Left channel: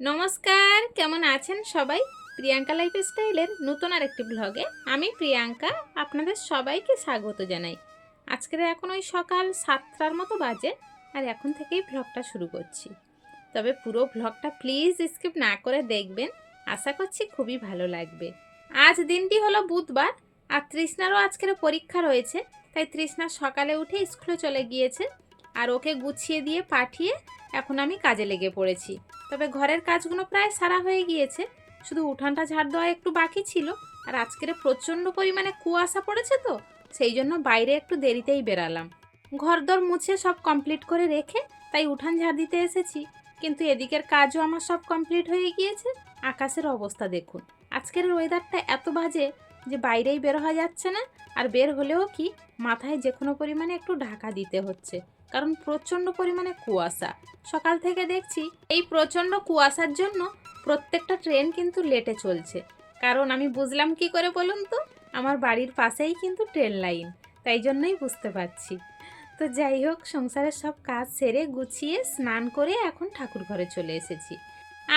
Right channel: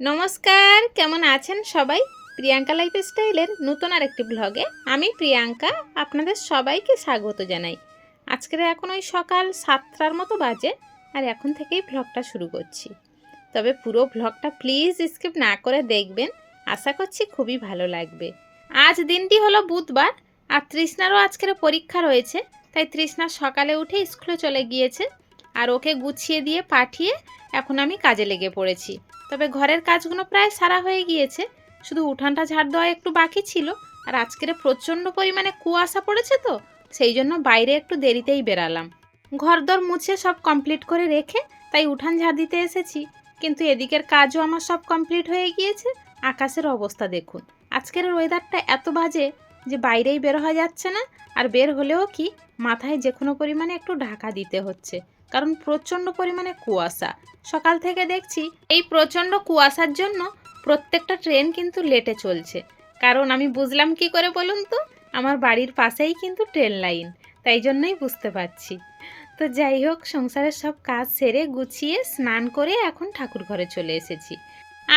নমস্কার, কেমন আছেন সবাই? প্রিয়াঙ্কা লাইফ স্টাইলের নতুন আরেকটি ব্লগে আমি প্রিয়াঙ্কা আপনাদের সবাইকে স্বাগত জানাই। আজকের এখন ওই সকাল সাতটার মতো বাজে আর এখন থেকেই ব্লগটা শুরু করছি। তবে পুরো ব্লগটা প্লিজ স্কিপ না করে দেখবেন, আশা করছি খুবই ভালো লাগবে। আজ দিনটি হলো বুধবার আর তৃষ্ণারও আজকের পরীক্ষা রয়েছে, তাই তৃষ্ণা সকালে উঠে স্কুলে চলে গিয়েছে আর ওকে গুছিয়ে দিয়ে পাঠিয়ে এখন আমি কাজে লেগে পড়েছি। তবে ঘরের কাজগুলো প্রায় সারা হয়ে গিয়েছে। শুধু উঠানটা ঝাড় দেওয়া একটু বাকি ছিল। আর আজকের প্রচণ্ড পরিমাণে কুয়াশা পড়েছে তো, সেই জন্য বাইরে একটু দেরিতেই বেরালাম। ঘরদর মুছে সব কমপ্লিট করে রেখে তাই উঠান ঝাড় দিতে এসেছি। কিন্তু এদিকের কাজও আমার সব কমপ্লিট হয়ে গিয়েছে। আকাশের অবস্থা দেখুন। আজকের ওয়েদারটা এত বাজে যে বাইরেই বের হওয়া যাচ্ছে না। আর বের হলেও কি, মাথায় যে কোনো পরিমাণে একটু ঢাকা দিতে হচ্ছে। কারণ প্রচণ্ড পরিমাণে কুয়াশা। সকাল থেকে দেখছি এই প্রচণ্ড কুয়াশার জন্য প্রত্যেকটা ট্রেন কিন্তু লেটে চলছে। কারণ আমি বুঝলাম কি করে বলুন তো? আমার বাড়ির পাশেই কিন্তু ট্রেন লাইন, তাই জন্যই বুঝতে পারছি। তো যাই হোক, সংসারের সব কাজ সেরে গুছিয়ে স্নান করে এখন ঠাকুর ঘরে চলে এসেছি।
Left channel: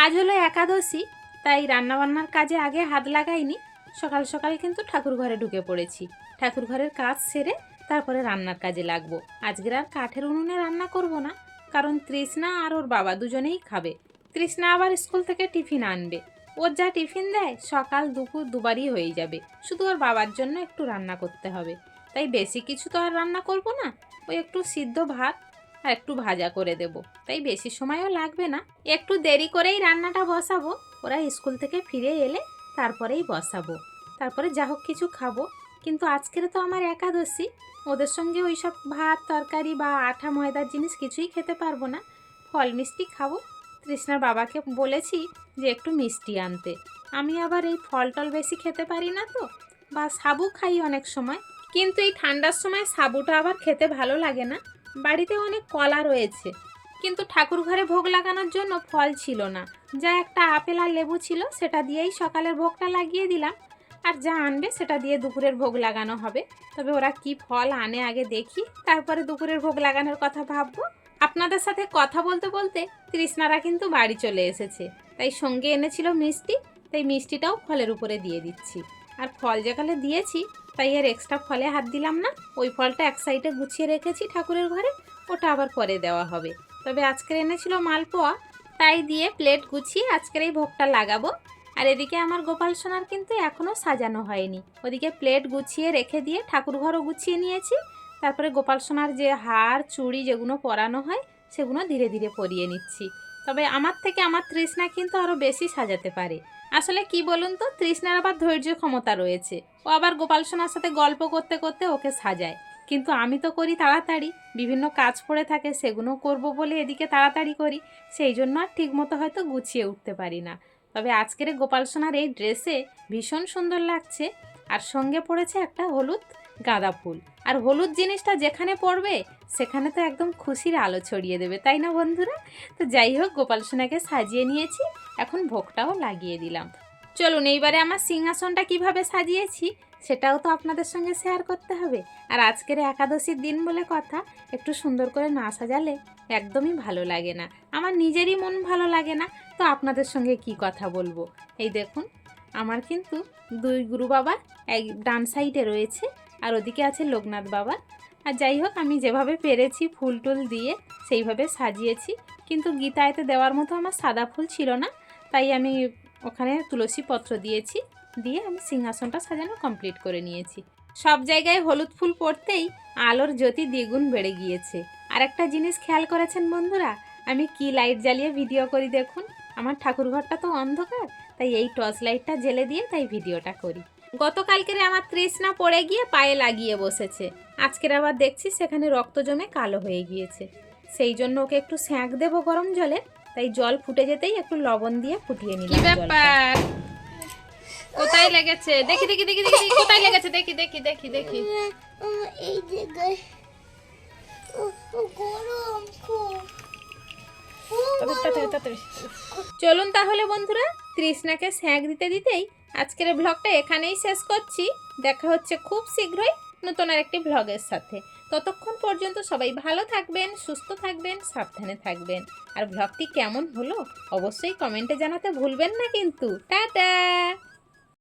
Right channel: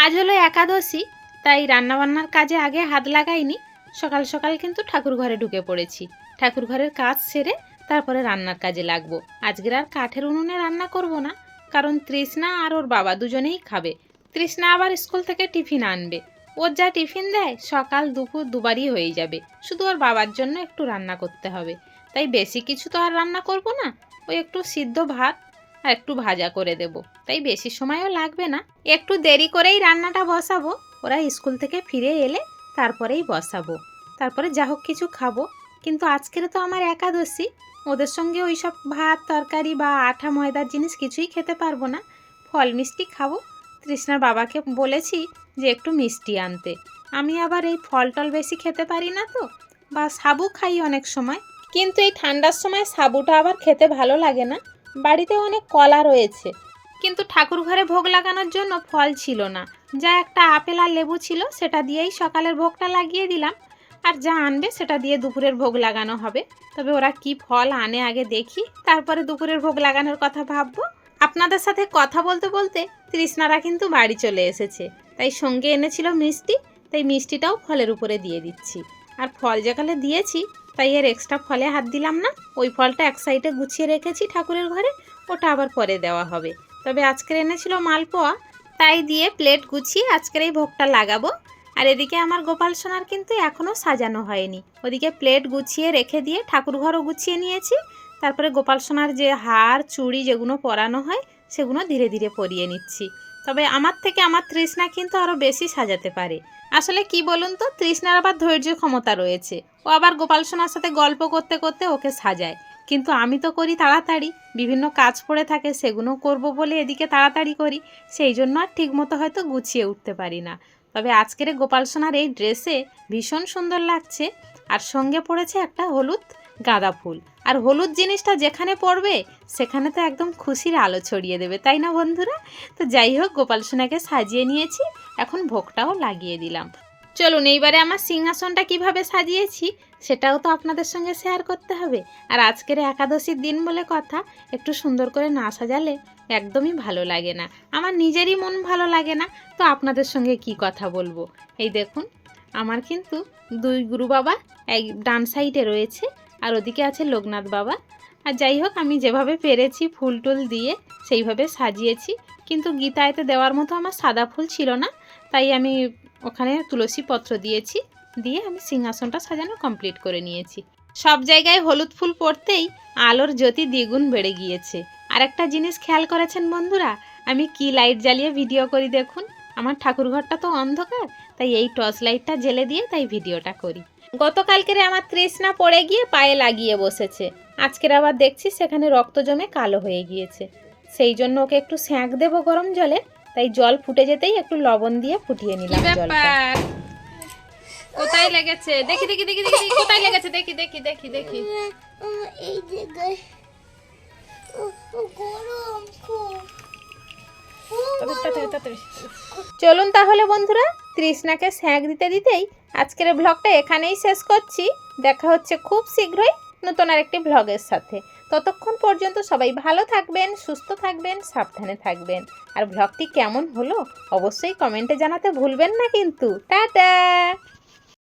আজ হলো একাদশী, তাই রান্নাবান্নার কাজে আগে হাত লাগাইনি। সকাল সকাল কিন্তু ঠাকুর ঘরে ঢুকে পড়েছি। ঠাকুর ঘরের কাজ সেরে তারপরে রান্নার কাজে লাগবো। আজকের আর কাঠের উনুনে রান্না করব না, কারণ তৃষ্ণা আর ওর বাবা দুজনেই খাবে। তৃষ্ণা আবার স্কুল থেকে টিফিন আনবে। ওর যা টিফিন দেয়, সকাল, দুপুর দুবারই হয়ে যাবে। শুধু ওর বাবার জন্য একটু রান্না করতে হবে। তাই বেশি কিছু তো আর রান্না করব না, ওই একটু সিদ্ধ ভাত আর একটু ভাজা করে দেব। তাই বেশি সময়ও লাগবে না। একটু দেরি করেই রান্নাটা বসাবো। ওরা স্কুল থেকে ফিরে এলে তারপরেই বসাবো। তারপরে যা হোক কিছু খাব। কিন্তু আজকের তো আমার একাদশী। ওদের সঙ্গে ওই সব ভাত, তরকারি বা আঠা ময়দার জিনিস কিছুই খেতে পারব না। ফল মিষ্টি খাব। তৃষ্ণার বাবাকে বলেছি যে একটু মিষ্টি আনতে। আমি আবার এই ফল টল বেশি খেতে পারি না তো, বা সাবু খাই অনেক সময়। কিন্তু এই ঠান্ডার সময় সাবুটা আবার খেতে ভালো লাগে না। বাড়িতে অনেক কলা রয়েছে। কিন্তু ঠাকুর ঘরে ভোগ লাগানোর জন্য ফল ছিল না। যা একটা আপেল আর লেবু ছিল, সেটা দিয়েই সকালের ভোগটা লাগিয়ে দিলাম। আর যা আনবে সেটা দিয়ে দুপুরের ভোগ লাগানো হবে। তবে ওরা কি ফল আনে আগে দেখি, তারপরে দুপুরের ভোগ লাগানোর কথা ভাববো। আপনাদের সাথে কথা বলতে বলতে তৃষ্ণারা কিন্তু বাড়ি চলে এসেছে। তাই সঙ্গে এনেছিল মিষ্টি, তাই মিষ্টিটাও ফলের উপরে দিয়ে দিচ্ছি। আর ফল যেখানে দিয়েছি, তাই এর এক্সট্রা ফলে হাত দিলাম না। ওই ফলটা এক সাইডে গুছিয়ে রেখেছি ঠাকুরের ঘরে, ওটা আবার পরে দেওয়া হবে। তবে আজকের এনেছিল মালপোয়া, তাই দিয়ে প্লেট গুছিয়ে আজকের এই ভোগটা লাগাবো। আর এদিকে আমার গোপাল সোনার কিন্তু এখনও সাজানো হয়নি। ওদিকে প্লেট গুছিয়ে রেখে দিয়ে ঠাকুর ঘরও গুছিয়ে নিয়েছি। তারপরে গোপাল সোনার যে হার, চুড়ি যেগুলো পরানো হয় সেগুলো ধীরে ধীরে পরিয়ে নিচ্ছি। তবে আমার থেকে আমার তৃষ্ণা কিন্তু আরও বেশি সাজাতে পারে। আসলে কি বলুন তো, তৃষ্ণার আবার ধৈর্য ক্ষমতা রয়েছে। ও আবার গোপাল সোনার সাথে গল্প করতে করতে ওকে সাজায়। কিন্তু আমি তো করি তাড়াতাড়ি, বিভিন্ন কাজ পড়ে থাকে সেগুলো করব বলে এদিকে তাড়াতাড়ি করি, সেই জন্য আর ঠিকমতো হয়তো গুছিয়ে উঠতে পারি না। তবে আজকের গোপাল সোনার এই ড্রেসে ভীষণ সুন্দর লাগছে। আর সঙ্গে পড়েছে একটা হলুদ গাঁদা ফুল। আর হলুদ জিনিসটা যেখানে পড়বে, সেখানে তো একদম খুশির আলো ছড়িয়ে দেবে, তাই না বন্ধুরা? তো যাই হোক, গোপাল সোনাকে সাজিয়ে নিয়েছি, এখন ভোগটাও লাগিয়ে দিলাম। চলুন, এইবারে আমার সিংহাসনটা কীভাবে সাজিয়েছি? সেটাও তো আপনাদের সঙ্গে শেয়ার করতে হবে। আর আজকের একাদশীর দিন বলে কথা, একটু সুন্দর করে না সাজালে একদমই ভালো লাগে না। আমার নিজেরই মন ভালো লাগে না, তো আপনাদের সঙ্গে কি কথা বলব? এই দেখুন, আমার কিন্তু দুই গুরু বাবা এক ডান সাইডে রয়েছে, আর ওদিকে আছে লোকনাথ বাবা। আর যাই হোক, আমি যেভাবে পেরেছি ফুল টুল দিয়ে সেইভাবে সাজিয়েছি, কিন্তু গীতায়তে দেওয়ার মতো আমার সাদা ফুল ছিল না, তাই আমি ওখানে তুলসী পত্র দিয়েছি। দিয়ে আমি সিংহাসনটা সাজানো কমপ্লিট করে নিয়েছি। সব জায়গায় হলুদ ফুল পড়তেই আলোর জ্যোতি দ্বিগুণ বেড়ে গিয়েছে। আর একটা জিনিস খেয়াল করেছেন বন্ধুরা আমি কি লাইট জ্বালিয়ে ভিডিও করি দেখুন? আমার ঠাকুরঘরটা তো অন্ধকার তাই এই টর্চ লাইটটা জেলে দিয়ে তাই ভিডিওটা করি। গতকালকের আমার তৃষ্ণা পড়ে গিয়ে পায়ে লাগিয়ে বসেছে। আজকের আবার দেখছি সেখানে রক্ত জমে কালো হয়ে গিয়েছে। সেই জন্য ওকে একটু স্যাঁক দেবো গরম জলে তাই জল ফুটে যেতেই একটু লবণ দিয়ে ফুটিয়ে নিলাম ব্যাপার? কোথায় লেগেছে? দেখি দেখি দেখি দেখি কোথায় লেগেছে? দেখি দেখি দেখি দেখি। এই জায়গায় গরম খুব। চলুন তাহলে বন্ধুরা তৃষ্ণাকে স্যাঁক দিতে দিতেই আজকের ব্লগটা এখানেই শেষ করছি। দেখা হচ্ছে খুব শীঘ্রই নতুন আরেকটি ব্লগের সাথে। ততক্ষণ পর্যন্ত সবাই ভালো থাকবেন সুস্থ থাকবেন সাবধানে থাকবেন। আর ব্লগটি কেমন হলো অবশ্যই কমেন্টে জানাতে ভুলবেন না কিন্তু। টাটা!